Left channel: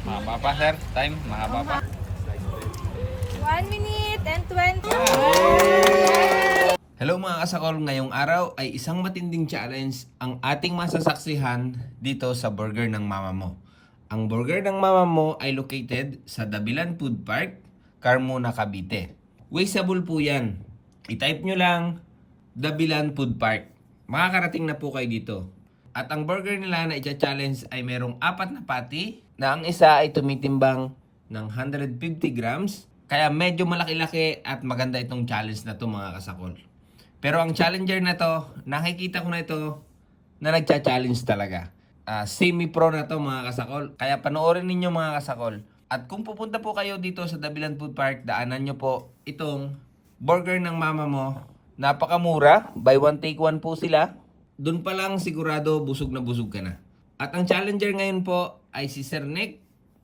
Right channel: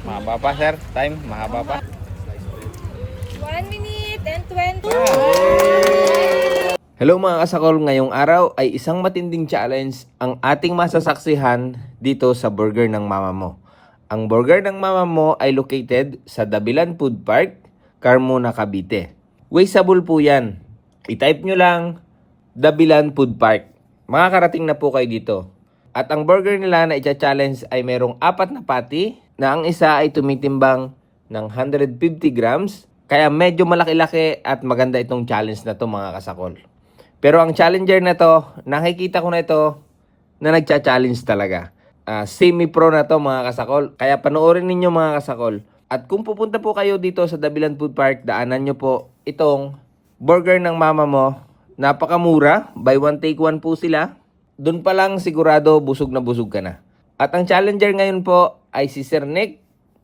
Mahaba pa, sir. Time, mahaba pa. 1 minute and 20. Hello mga kasakol, ngayong araw ay isang matinding challenge ang ating masasaksihan dito sa Burger ng Mama Mo. Ang Burger ng Mama Mo ay located sa Dabilan Food Park, Carmona, Cavite. Wasteable po yan. I-type nyo lang Dabilan Food Park. Makakarating na po kayo dito. At ang burger nila na i-challenge ay merong 4 na patty na ang isa ay tumitimbang ng 150 grams. Kaya medyo malaki-laki at maganda itong challenge na to mga kasakol. Pero ang challenger na to, nakikita ko na ito na nagcha-challenge talaga. Semi-pro na to mga kasakol. Kaya panoorin ninyo mga kasakol. At kung pupunta po kayo dito sa Dabilan Food Park, daanan nyo po itong Burger ng Mama Mo. Napakamura. Buy one take one po sila. Doon pa lang sigurado busog na busog ka na. At ang challenger ngayon po ay si Sir Nick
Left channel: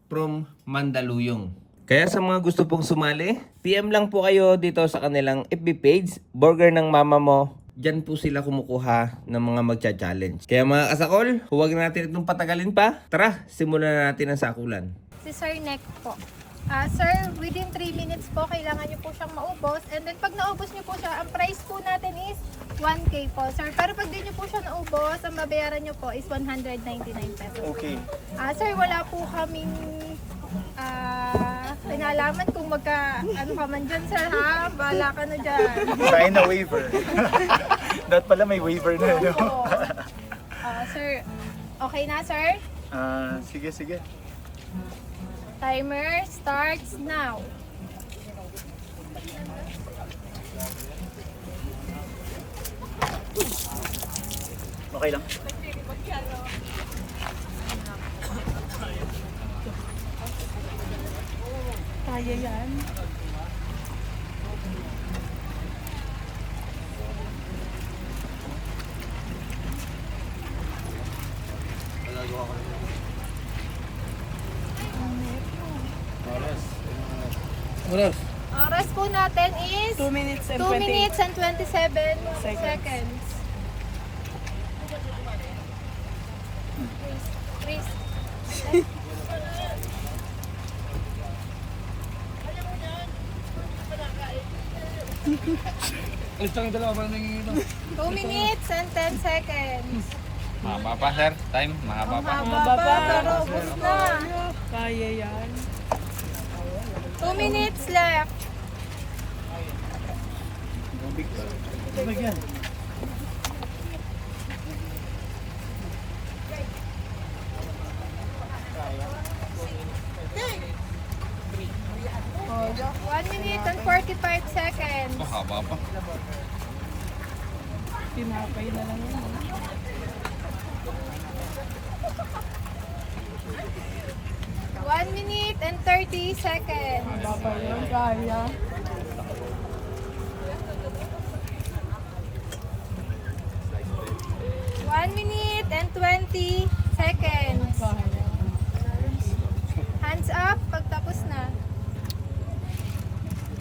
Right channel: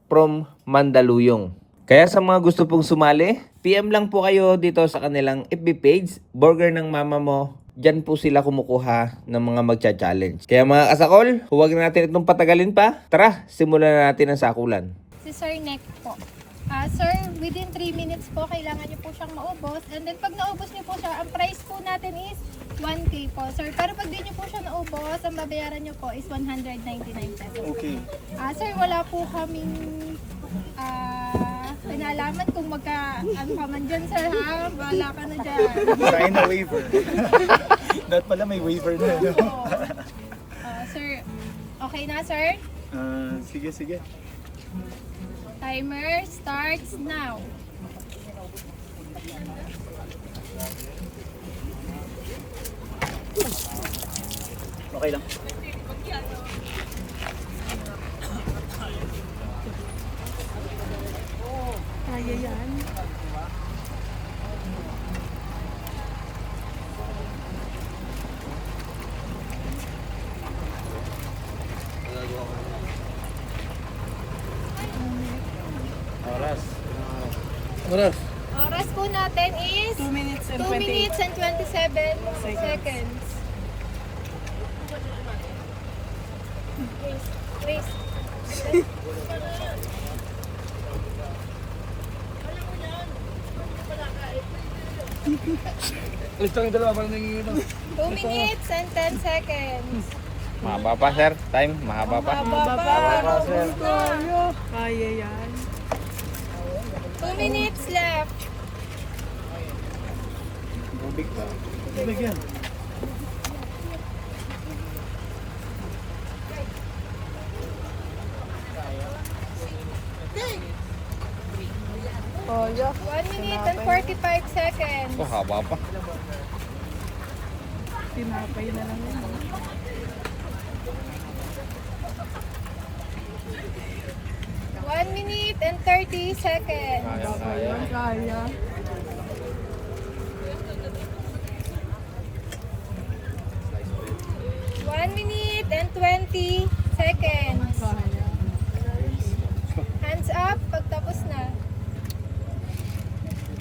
from Mandaluyong. Kaya sa mga gusto pong sumali, PM lang po kayo dito sa kanilang FB page, Burger ng Mama Mo. Diyan po sila kumukuha ng mga magcha-challenge. Kaya mga kasakol, huwag na natin itong patagalin pa. Tara, simulan na natin ang sakulan. Si Sir Nick po. Sir, within 3 minutes po, kailangan nyo po siyang maubos. And then pag naubos nyo po siya, ang price po natin is 1K po, sir. Pero pag di nyo po siya naubos, ang babayaran nyo po is 199 pesos. Okay. Sir, wala po kaming pinalaman kung ano ka man dyan, sir, ha? Bahala ka na dyan. Sign a waiver. Dapat pala may waiver na, no? Oo. Sir, okay na, sir? Sige, sige. Timer starts now. Okay lang. Kaya yan. Oras po natin is 2 minutes and 2 minutes and 27 seconds. Please. Gusto yung dalawa para may 2 minutes and 10 seconds. Mahaba pa, sir. Time, mahaba Ang pa. haba pa, pero ubos na. Kaya yan. 2 minutes left. Tubig yan. Oh, 1 minute and 45 seconds. Haba pa. Tinapay na lang yun. 1 minute and 30 seconds. Baba yun, kaya. 1 minute and 20 seconds. Kaya. Hands up pag tapos na.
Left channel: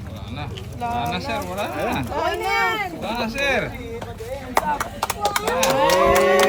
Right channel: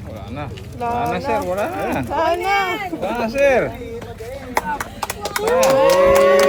Wala na. Wala na, sir. Wala na. Okay na yan. Wala na, sir. Yay!